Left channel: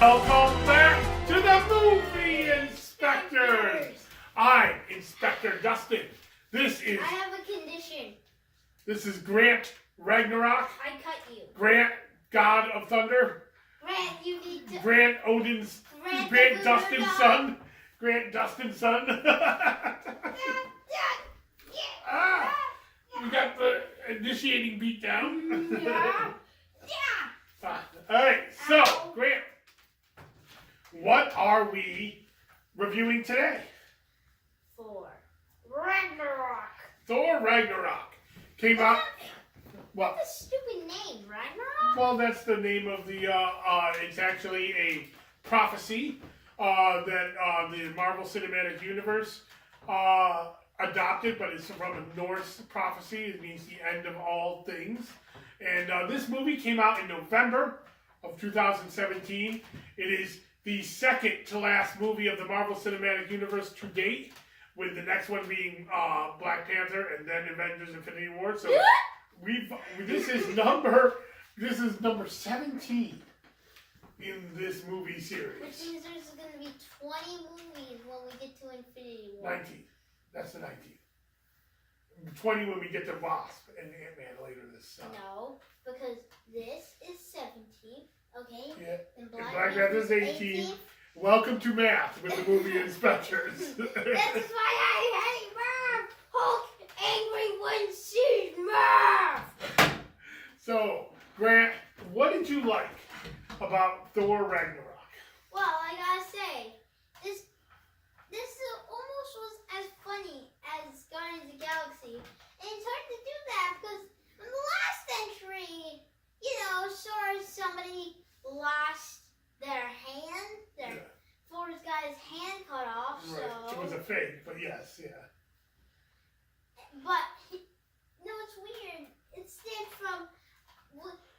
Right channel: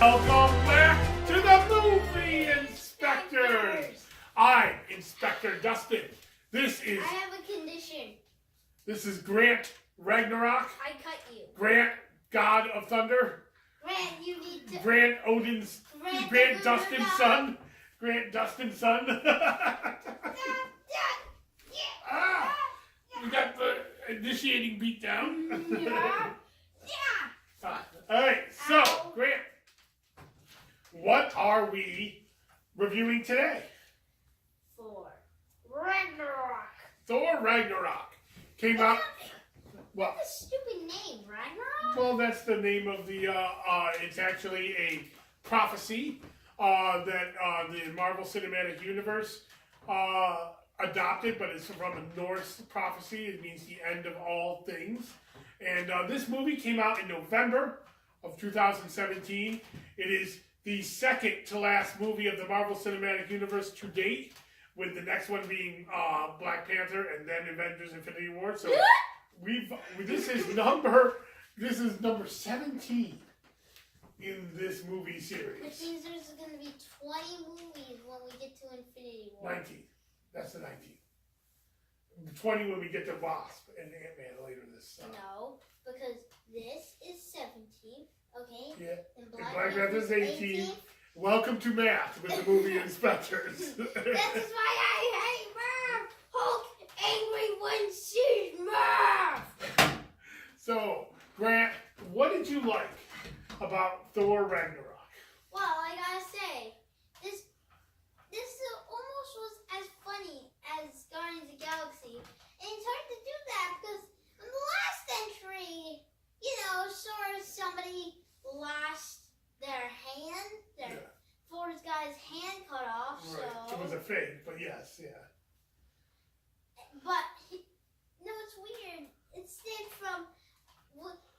Welcome back to the Movie Inspectors. I'm Inspector Dustin. This is. I have a condition. This is Grant Ragnarock. I cut you. Grant, God of Thunder. Grant, you need to. Grant Odin's. Grant Dustin's son. Grant Dustin's son. We got the initiating beatdown. Yeah. All right, so Grant, what are we reviewing today? Thor Ragnarok. Thor Ragnarok came out. Well, That's a stupid name, Ragnarok. well, that's the name of the. It's actually a prophecy that the Marvel Cinematic Universe adopted, but it's from a Norse prophecy. It means the end of all things. And this movie came out in November of 2017. It is the second to last movie of the Marvel Cinematic Universe to date, with the next one being Black Panther and then Avengers: Infinity War. So this is number 17 in this movie series. Which means there's going to be 20 movies when we get to Infinity War. 19. That's the 19th. 20 when we get to Wasp and Ant-Man later this summer. No, because this is 17. Okay. Yeah. And Black Black Panther's 18. Welcome to math with the movie inspectors. This is why I hate math. Hulk angry when sees math. So, Grant, what did you like about Thor Ragnarok? Well, I gotta say, this almost was as funny as Guardians of the Galaxy, and it's hard to do that because in the last entry, somebody lost their hand. Thor's got his hand cut off. Right. So It was a fake, but yes, yeah. But it's weird. Instead from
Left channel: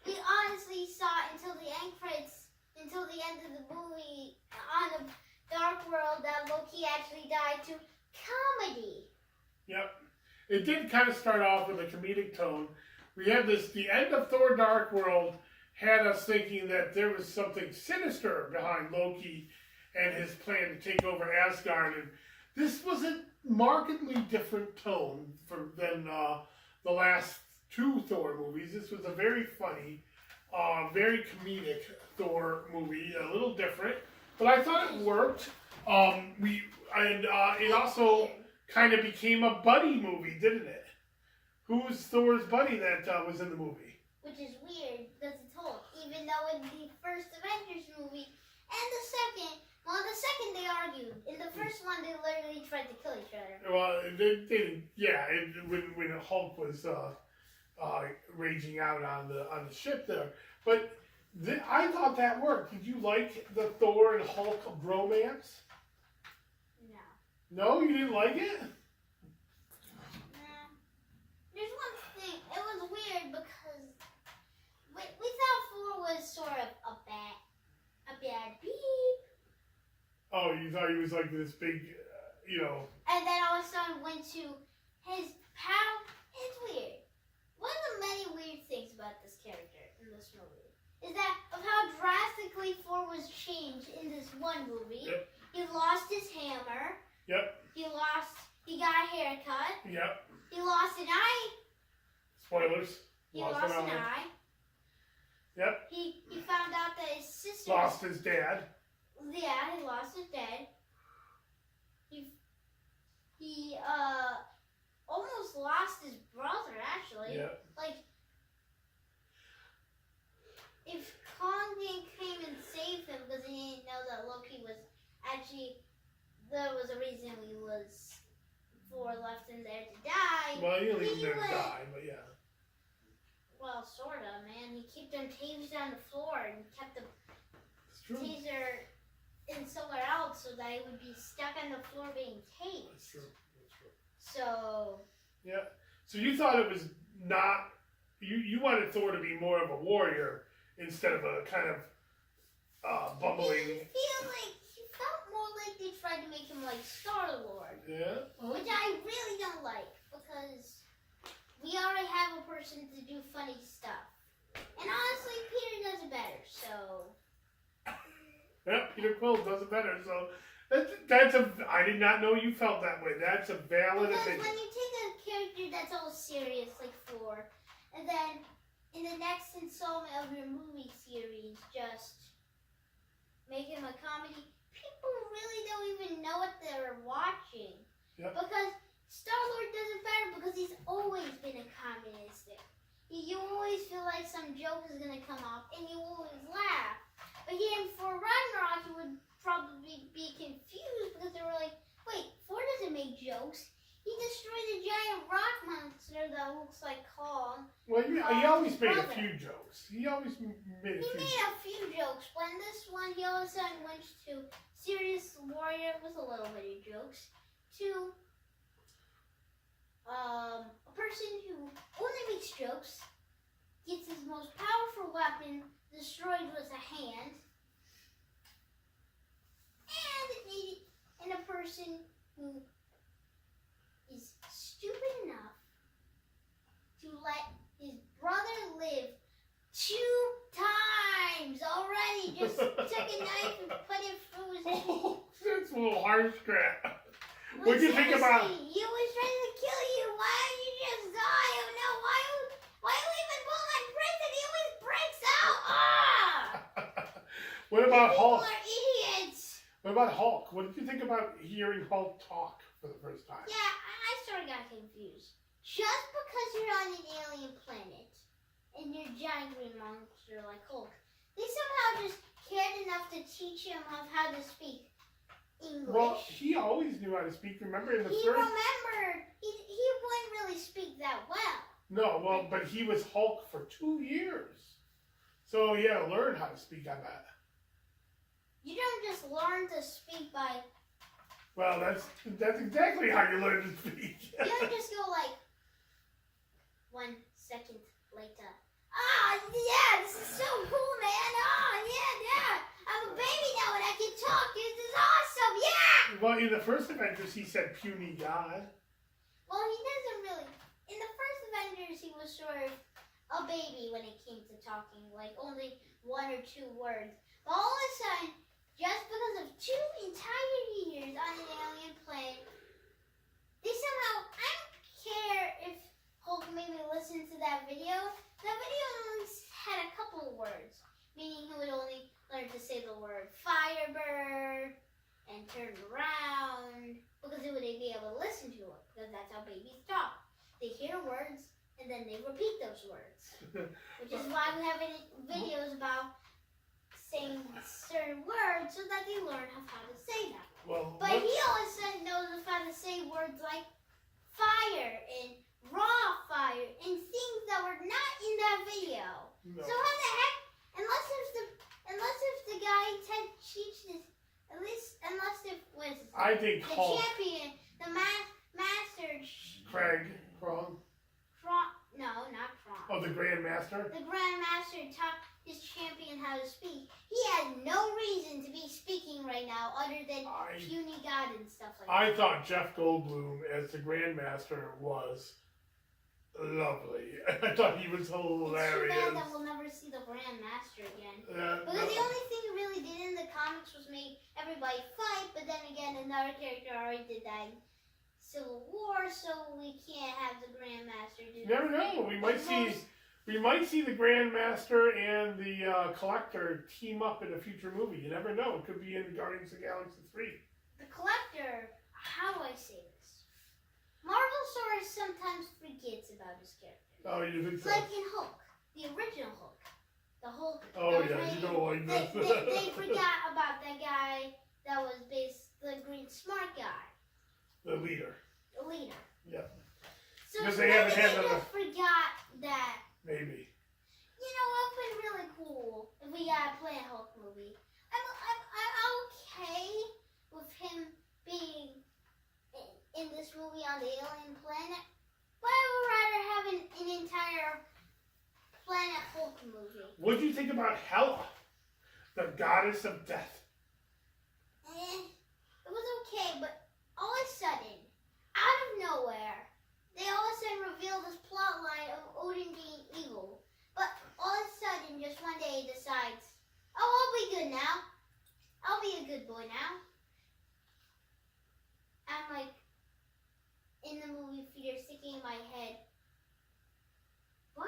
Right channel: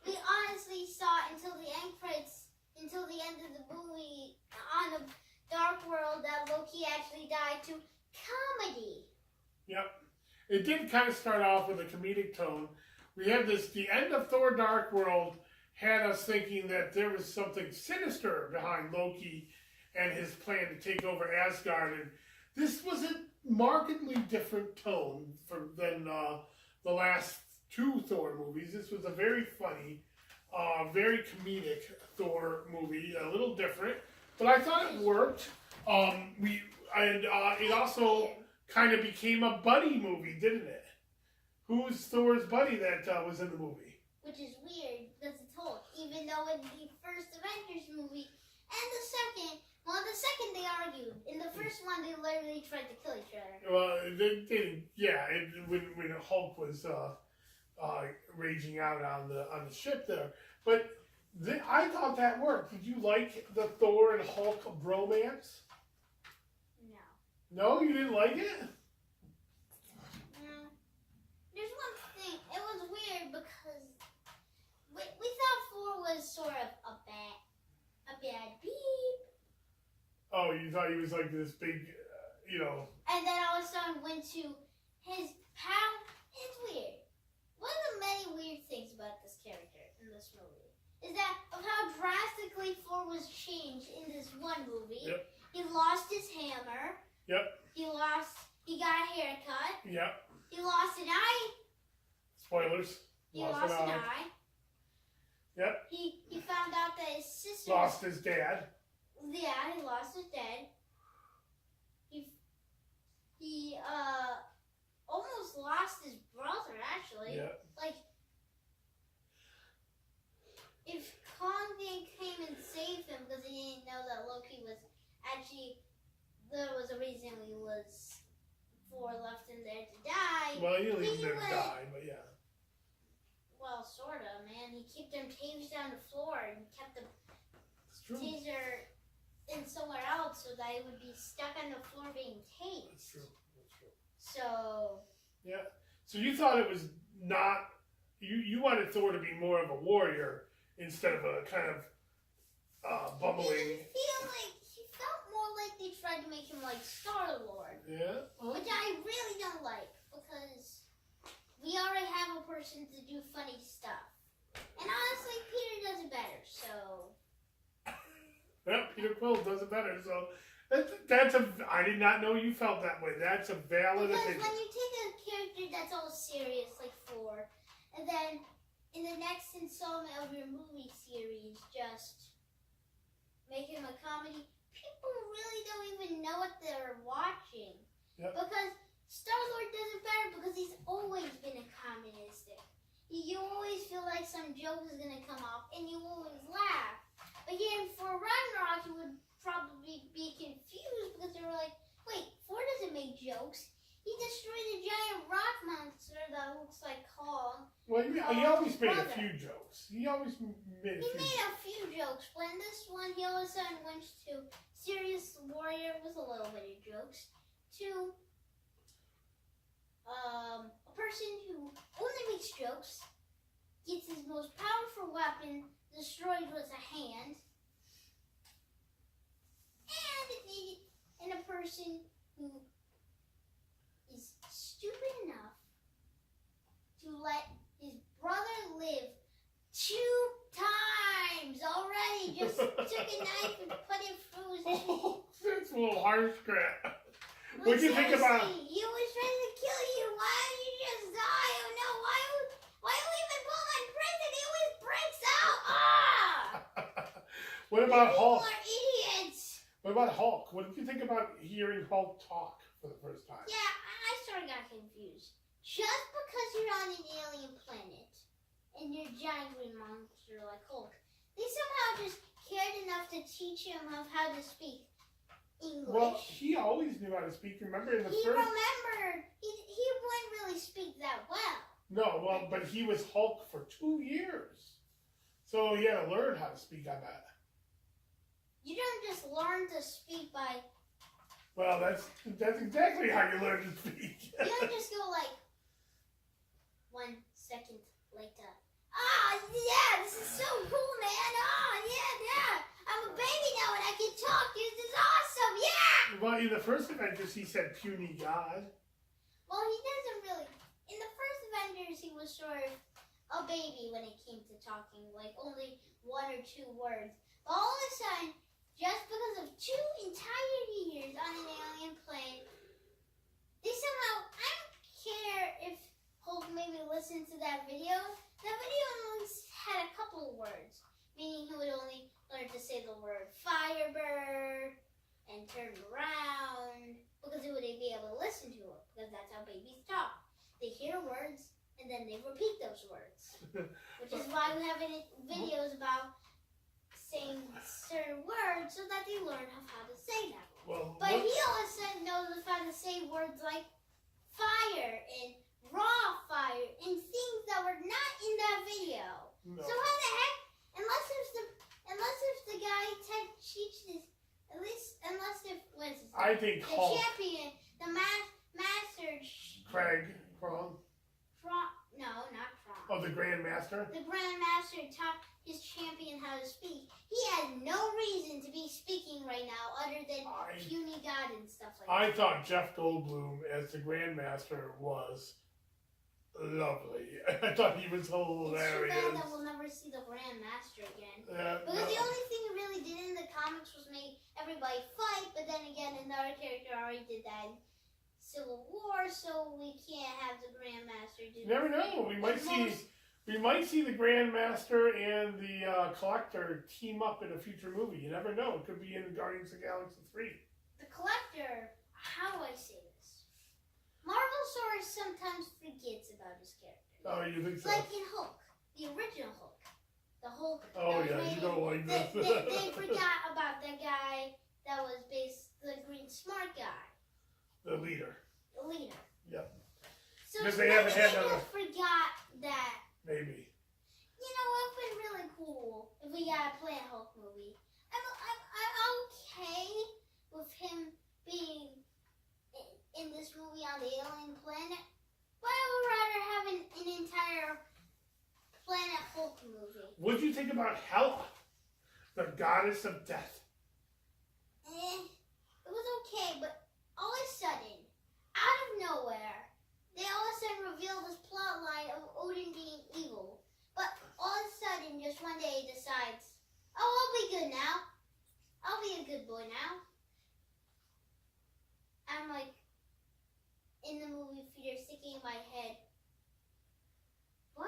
we honestly saw until the end credits, until the end of the movie on the Dark World that Loki actually died to comedy. Yep. It did kind of start off with a comedic tone. We had the end of Thor Dark World had us thinking that there was something sinister behind Loki and his plan to take over Asgard. And this was a markedly different tone than the last two Thor movies. This was a very funny, very comedic Thor movie, a little different, but I thought it worked. It also kind of became a buddy movie, didn't it? Who's Thor's buddy that was in the movie? Which is weird because it's Hulk, even though in the first Avengers movie and the second they argued. In the first one, they literally tried to kill each other. Well, when Hulk was raging out on the ship there, but I thought that worked. Did you like the Thor and Hulk bromance? No. No, you didn't like it? No. There's one thing. It was weird because we thought Thor was sort of a bad beep. Oh, you thought he was like this big, And then all of a sudden went to his power. It's weird. One of the many weird things about this character in this movie is that of how drastically Thor was changed in this one movie. Yep. He lost his hammer. Yep. He got a haircut. Yep. He lost an eye. Spoilers. He lost an eye. Yep. He found out that his sister Lost his dad. Yeah, he lost his dad. He almost lost his brother, actually. Yeah. Like, if Kong didn't came and save him because he didn't know that Loki was actually, there was a reason Thor left him there to die. Well, he didn't leave him there to die, but yeah. Well, sort of, man. He kept them tased on the floor and kept the taser in somewhere else so that it would be stuck on the floor being tased. That's true. So. Yeah. So you thought it was not. You wanted Thor to be more of a warrior instead of a kind of bumbling. He felt more like they tried to make him like Star-Lord. Yeah. Which I really don't like because we already have a person to do funny stuff. And honestly, Peter does it better, so. Yep, Peter Quill does it better. So I did not know you felt that way. That's a valid because opinion. when you take a character that's all serious, like Thor, and then in the next installment of your movie series, just make him a comedy, people really don't even know what they're watching. Yep. Because Star-Lord doesn't matter because he's always been a communistic. You always feel like some joke is going to come off and you always laugh. But here in Thor Ragnarok, you would probably be confused because they were like, wait, Thor doesn't make jokes. He destroyed a giant rock monster that looks like Kong. Well, he always made a few jokes. He always made a few. He made a few jokes. When this one, he all of a sudden went to serious warrior with a little bit of jokes to a person who only makes jokes, gets his most powerful weapon destroyed with a hand, and a person who is stupid enough to let his brother live 2 times already. Just took a knife and put it through his cheek. Oh, that's a little harsh, crap. Well, What do you think about? He was trying to kill you. Why don't you just die? Oh no! Why leave Paul in prison? He always breaks out. What about People Hulk? are idiots. What about Hulk? What did you think about hearing Hulk talk for the first time? Yeah, I sort of got confused. Just because you're on an alien planet and you're a giant green monster like Hulk, they somehow just cared enough to teach him of how to speak English. Well, he always knew how to speak. Remember in the He first? remembered. He wouldn't really speak that well. No, well, but he was Hulk for 2 years, so he had to learn how to speak on that. You don't just learn to speak by. Well, that's exactly how you learn to speak. You don't just go like 1 second later. Yeah, this is so cool, man. Yeah. I'm a baby now and I can talk. This is awesome. Yeah. Well, in the first Avengers, he said puny god. Well, he doesn't really. In the first Avengers, he was sort of a baby when it came to talking, like only 1 or 2 words. But all of a sudden, just because of 2 entire years on an alien planet, they somehow, I don't care if Hulk maybe listened to that video. That video only had a couple of words, meaning he would only learn to say the word Firebird and turn around because he wouldn't be able to listen to it because that's how babies talk. They hear words and then they repeat those words, which is why we have videos about saying certain words so that they learn how to say them. Well, But he all of a sudden knows how to say words like fire and raw fire and things that were not in that video. no. So how the heck? Unless if the guy teaches, unless if was I think the Hulk. champion, the master. Craig Krong. No, not Kron. Oh, the Grandmaster. The Grandmaster taught his champion how to speak. He has no reason to be speaking right now other than puny god and stuff like that. I thought Jeff Goldblum as the Grandmaster was lovely. I thought he was hilarious. It's too bad that we'll never see the Grandmaster again. Because no. the only thing he really did in the comics was make everybody fight, but then again, another character already did that in Civil War, so we can't have the Grandmaster do that. You never know. We might see the Grandmaster and the Collector team up in a future movie. You never know. It could be in Guardians of the Galaxy 3. The Collector, how do I say this? Marvel sort of sometimes forgets about his character. Oh, you think so? Like in Hulk, the original Hulk. The Hulk. Oh, yeah, you don't like this. They forgot about that guy that was the green smart guy. The leader. The leader. Yep. So Because they haven't had they another. just forgot that. Maybe. You know, it would be really cool if we got a Planet Hulk movie. I'm okay with him being in this movie on the alien planet, but I would rather have an entire Planet Hulk movie. What do you think about Hela, the goddess of death? It was okay, but all of a sudden, out of nowhere, they all of a sudden revealed this plot line of Odin being evil. But all of a sudden, just one day, he decides, oh, I'll be good now. I'll be a good boy now. I'm like in the movie theater, sticking in my head. What?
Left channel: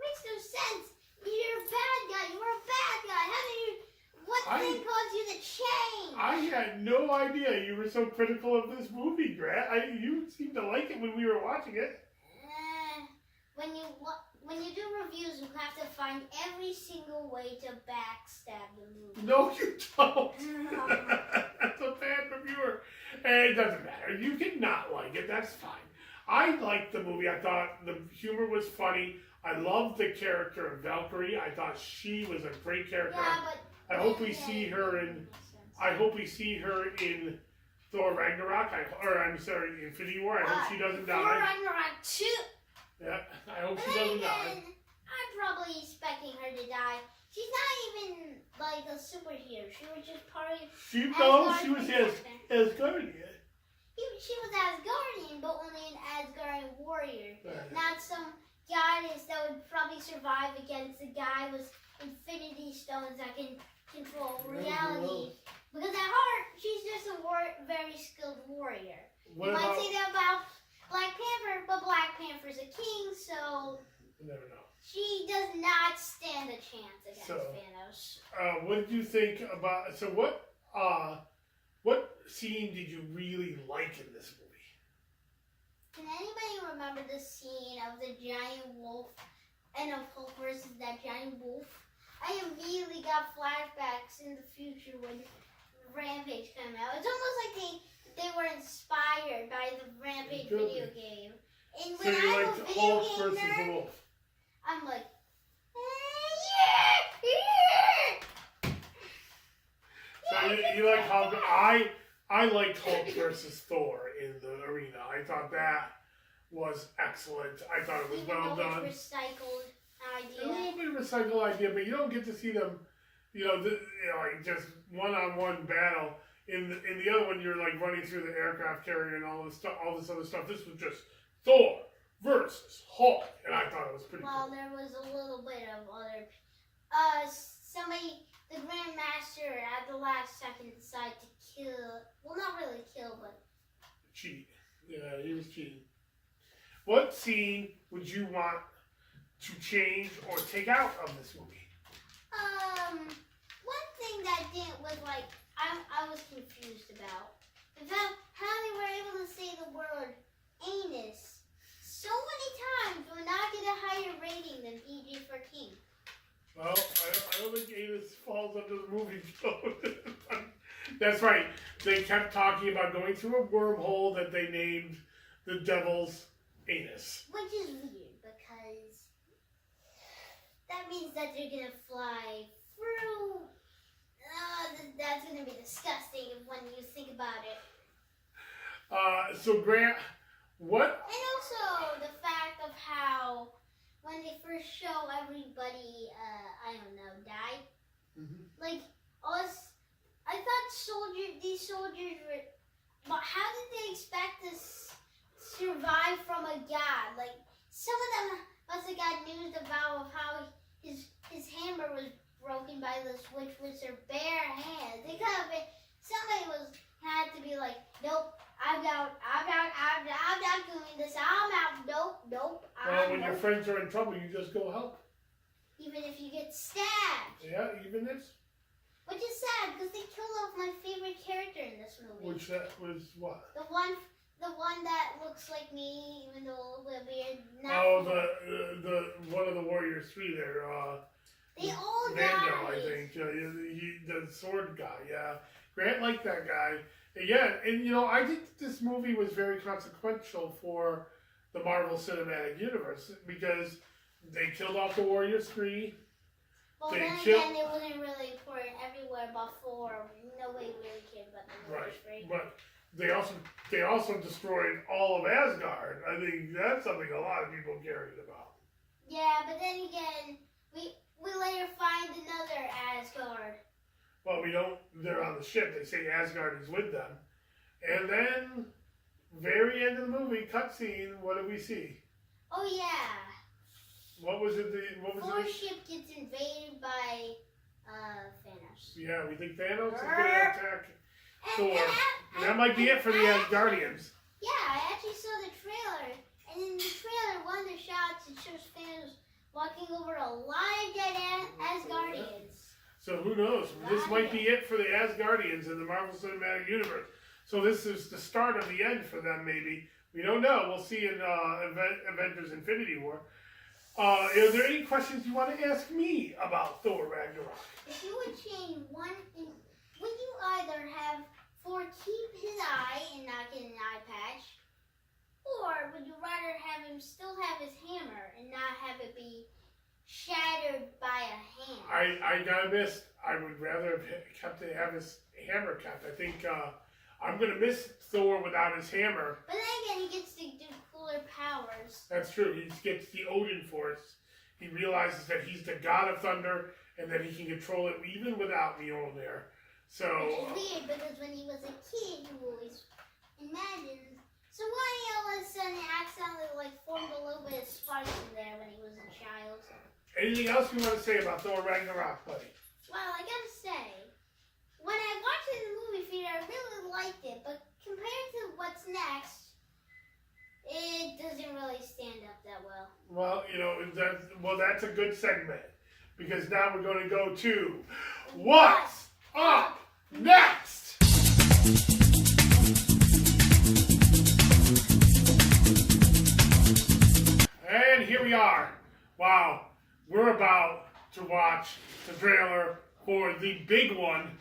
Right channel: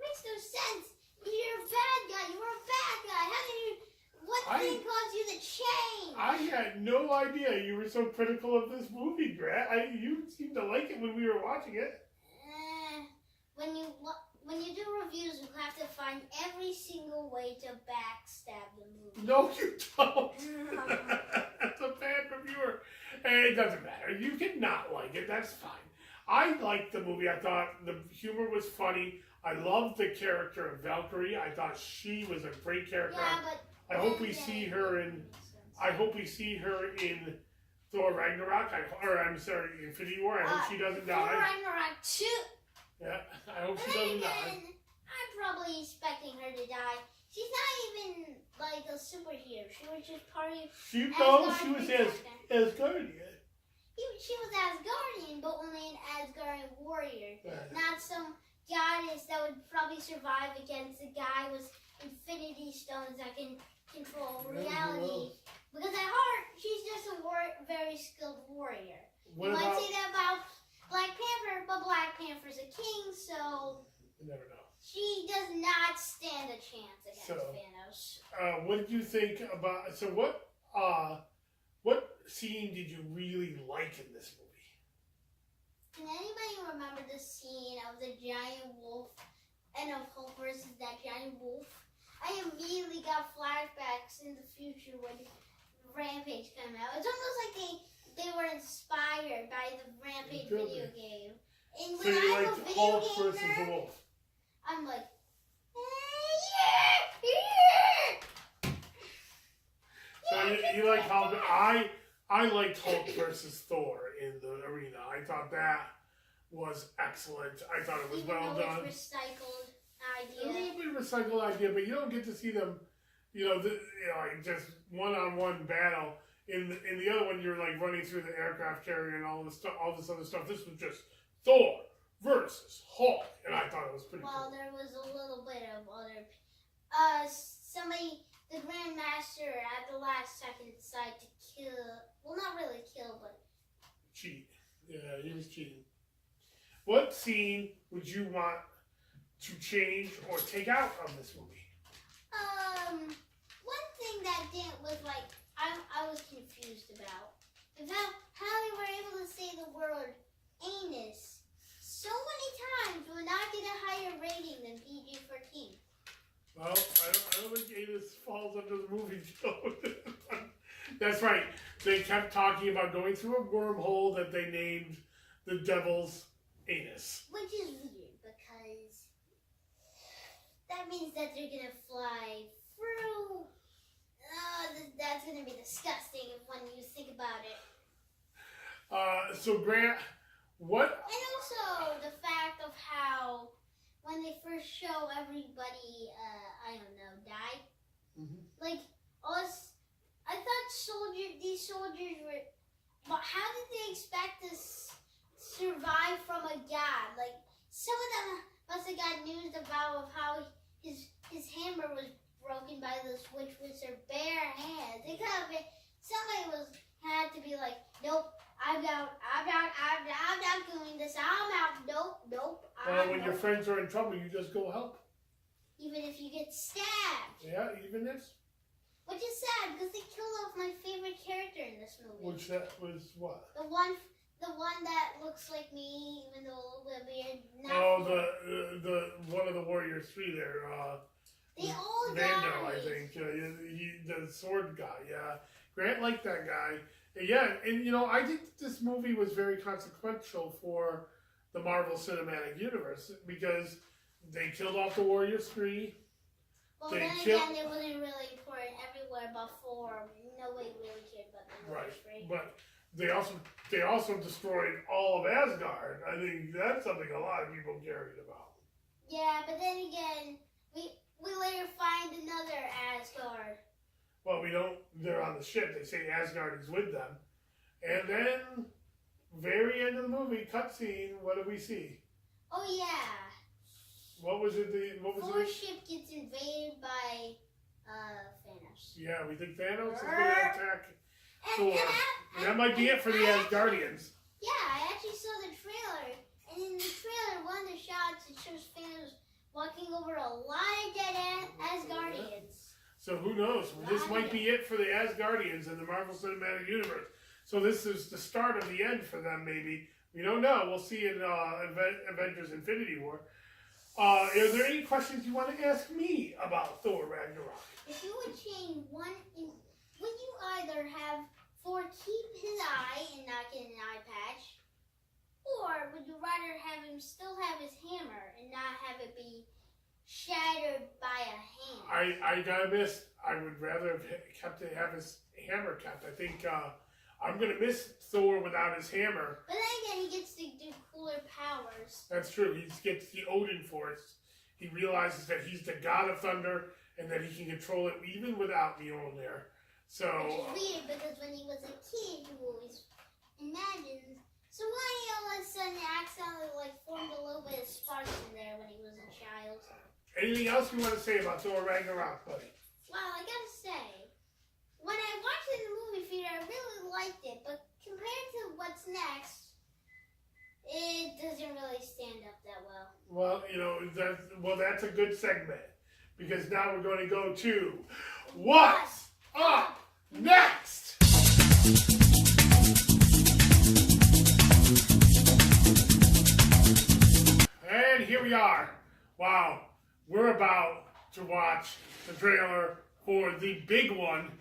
Makes no sense. You're a bad guy. You were a bad guy. How did you? What thing caused you to change? I had no idea you were so critical of this movie, Grant. You seemed to like it when we were watching it. When you do reviews, you have to find every single way to backstab the movie. No, you don't. That's a bad reviewer. And it doesn't matter. You can not like it. That's fine. I liked the movie. I thought the humor was funny. I loved the character of Valkyrie. I thought she was a great character. Yeah, but I hope we see her in. I hope we see her in Thor Ragnarok. I'm sorry, Infinity War. I hope she doesn't die. Thor Ragnarok 2. Yeah, I hope she doesn't die. I'm probably expecting her to die. She's not even like a superhero. She was just part of. She was Asgardian. She was Asgardian, but only an Asgardian warrior, Right. not some goddess that would probably survive against a guy with infinity stones that can control reality. Because at heart, she's just a very skilled warrior. You might say that about Black Panther, but Black Panther's a king, so You never know. she does not stand a chance against Thanos. What did you think about? So what scene did you really like in this movie? Can anybody remember the scene of the giant wolf and of Hulk versus that giant wolf? I immediately got flashbacks in the future when Rampage came out. It's almost like they were inspired by the Rampage video game. And So when you I'm a liked video Hulk game versus the nerd, Wolf? I'm like, So you like how I liked Hulk versus Thor in the arena. I thought that was excellent. I thought it was well done. Recycled A idea. little bit of recycled idea, but you don't get to see them, like just one-on-one battle. In the other one, you're like running through the aircraft carrier and all this other stuff. This was just Thor versus Hulk, and I thought it was pretty cool. There was a little bit of other. The Grandmaster at the last second decided to kill. Well, not really kill, but Cheat. Yeah, he was cheating. What scene would you want to change or take out of this movie? one thing that was like I was confused about is how they were able to say the word anus so many times would not get a higher rating than PG-13. Well, I don't think anus falls under the movie code. That's right. They kept talking about going through a wormhole that they named the Devil's Anus. Which is weird because that means that they're gonna fly through. That's gonna be disgusting when you think about it. So Grant, what? And also the fact of how when they first show everybody, die. Mm-hmm. Like us, I thought these soldiers were. But how did they expect to survive from a god? Like some of them must have got news about how his hammer was broken by this witch with her bare hands. They could have been. Somebody had to be like, nope, I'm not doing this. I'm out. Nope. Well, when your friends are in trouble, you just go help. Even if you get stabbed. Yeah, even this. Which is sad because they killed off my favorite character in this movie. Which that was what? The one that looks like me, even though we're beard. The one of the Warriors 3 there. They all Vandal, died. I think. The sword guy. Yeah, Grant liked that guy. Yeah, and I think this movie was very consequential for the Marvel Cinematic Universe because they killed off the Warriors 3. Well, then again, it wasn't really important everywhere but for nobody really cared about the Warriors, right? But they also destroyed all of Asgard. I think that's something a lot of people carried about. Yeah, but then again, we later find another Asgard. Well, we don't. They're on the ship. They say Asgard is with them, and then very end of the movie cutscene. What do we see? Oh yeah. What was it? Thor's ship gets invaded by Thanos. Yeah, we think Thanos is going to attack Thor. And That might be it for the Asgardians. Yeah, I actually saw the trailer, and in the trailer, one of the shots, it shows Thanos walking over a lot of dead Asgardians. So who knows? This might be it for the Asgardians in the Marvel Cinematic Universe. So this is the start of the end for them, maybe. We don't know. We'll see in Avengers Infinity War. Are there any questions you want to ask me about Thor Ragnarok? If you would change one, would you either have Thor keep his eye and not get an eye patch, or would you rather have him still have his hammer and not have it be shattered by a hand? I gotta miss. I would rather have his hammer kept. I think I'm gonna miss Thor without his hammer. But then again, he gets to do cooler powers. That's true. He gets the Odin Force. He realizes that he's the god of thunder and that he can control it even without Mjolnir. So. Which is weird because when he was a kid, you always imagined. So why he all of a sudden accidentally formed a little bit of sparks in there when he was a child? Anything else you want to say about Thor Ragnarok, buddy? Well, I gotta say, when I watched it in the movie theater, I really liked it, but compared to what's next, it doesn't really stand up that well. Well, that's a good segment because now we're going to go to What's Up Next? And here we are. Wow. We're about to watch the trailer for the big one,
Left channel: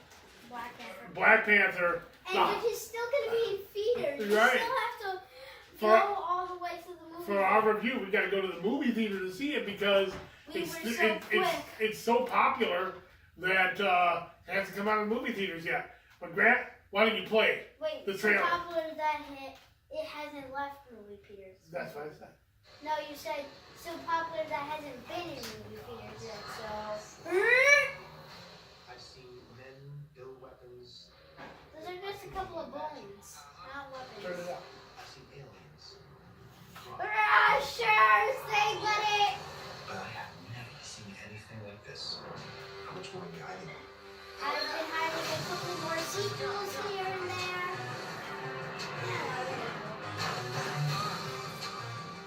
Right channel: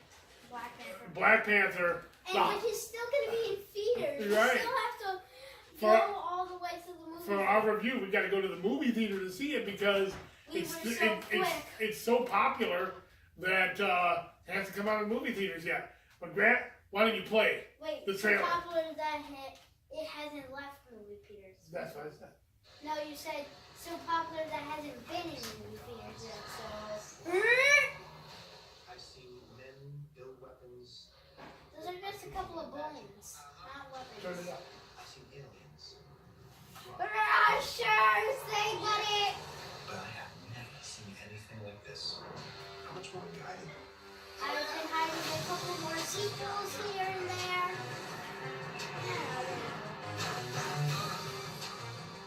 Black Panther. And which is still going to be in theaters. Right. You still have to go all the way to the movie. For our review, we got to go to the movie theater to see it because it's so popular that it hasn't come out in movie theaters yet. But Grant, why don't you play the trailer? So popular that it hasn't left movie theaters. That's what I said. No, you said so popular that hasn't been in movie theaters yet, so. I've seen men build weapons. Those are just a couple of bones, not weapons. Turn it up. I've seen aliens. Sure, say buddy. But I have never seen anything like this. How much more guiding? I've been hiding a couple more sequels here and there.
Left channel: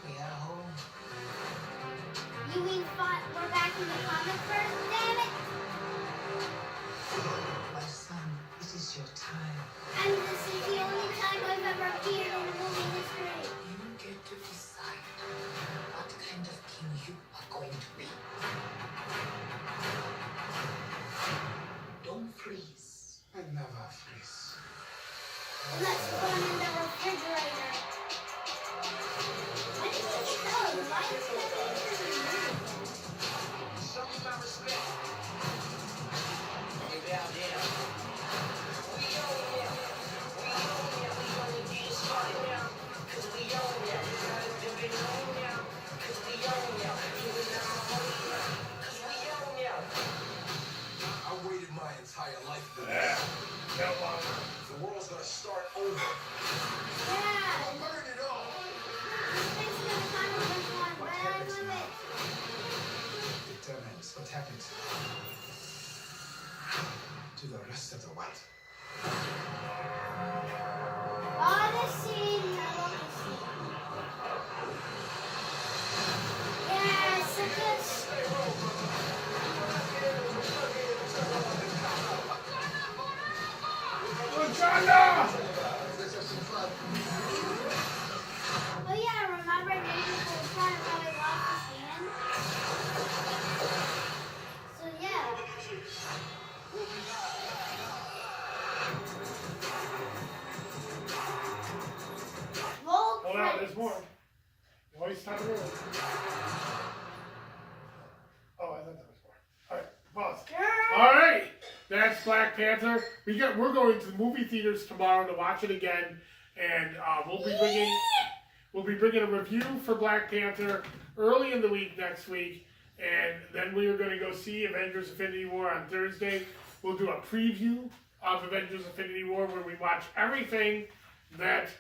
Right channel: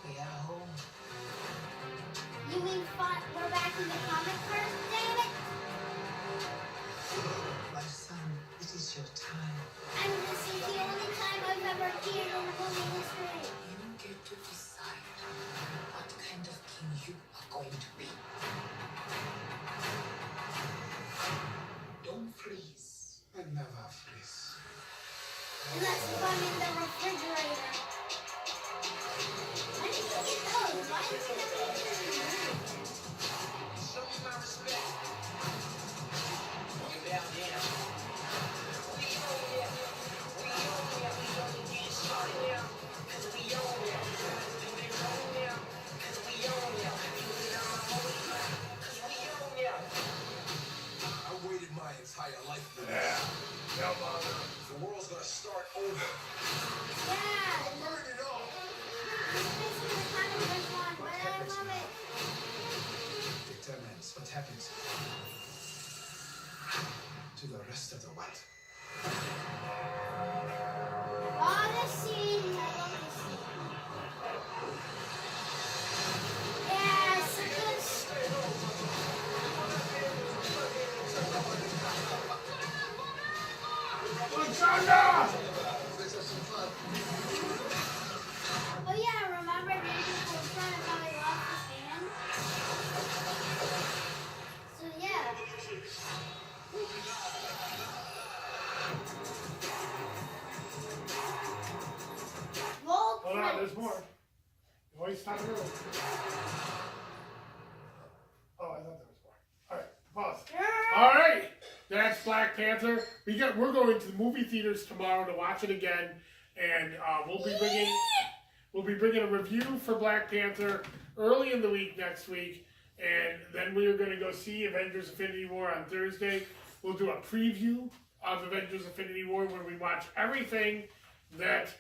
We at home. You mean we're back in the comic first, damn it? My son, this is your time. And this is the only time I've ever appeared in movie history. You get to decide what kind of king you are going to be. Don't freeze. I never freeze. And let's put them in the refrigerator. When did you get those? Why did you get those in the movie? Show me my respect. You down there. We own ya. We own ya. We only get started now. Cause we own ya. Do they know ya? Cause we own ya. You and I'm own ya. Cause we own ya. I waited my entire life for this. The world's gonna start over. Yeah. Burn it all. This makes me kind of like one, but I love it. Determines what happens to the rest of the world. Oh, this scene. I love this scene. Yeah, it's a good Wakanda! Oh yeah, remember Nathan was trying to probably lost his hand? So yeah. Roll Hold on, credits. there's more. Voice time roll. Oh, I thought that was more. Alright, pause. Alright, that's Black Panther. We're going to the movie theaters tomorrow to watch it again, and we'll be bringing a review for Black Panther early in the week next week, and then we are going to go see Avengers Infinity War on Thursday. We'll do a preview of Avengers Infinity War where we watch everything that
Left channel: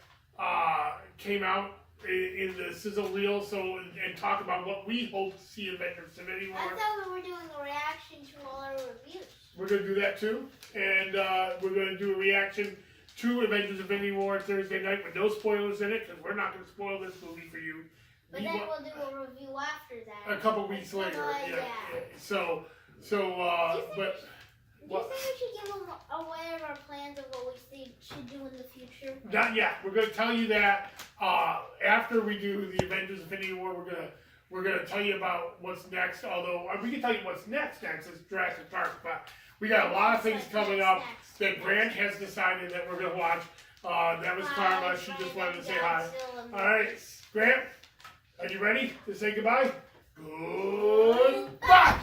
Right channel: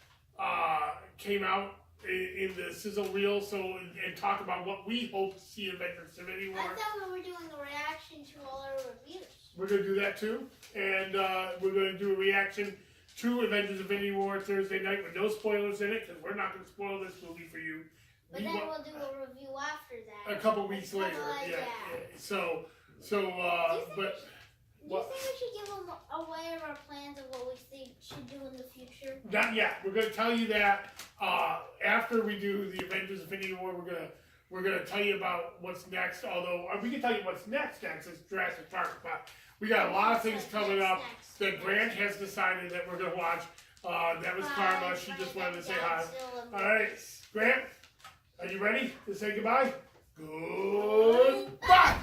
came out in the sizzle reel, and talk about what we hope to see in Avengers Infinity War. I thought we were doing a reaction to all our reviews. we're gonna do that too, and we're gonna do a reaction to Avengers: Infinity War Thursday night with no spoilers in it, because we're not gonna spoil this movie for you. But then we'll do a review after that. A couple weeks later, yeah. So, but. Do you think we should give them away of our plans of what we should do in the future? Not yet. We're going to tell you that after we do the Avengers: Infinity War. We're gonna tell you about what's next. Although we can tell you what's next is Jurassic Park. But we got a lot of things coming up that Grant has decided that we're gonna watch. That was Karma. She just wanted to say hi. All right, Grant, are you ready to say goodbye? Goodbye.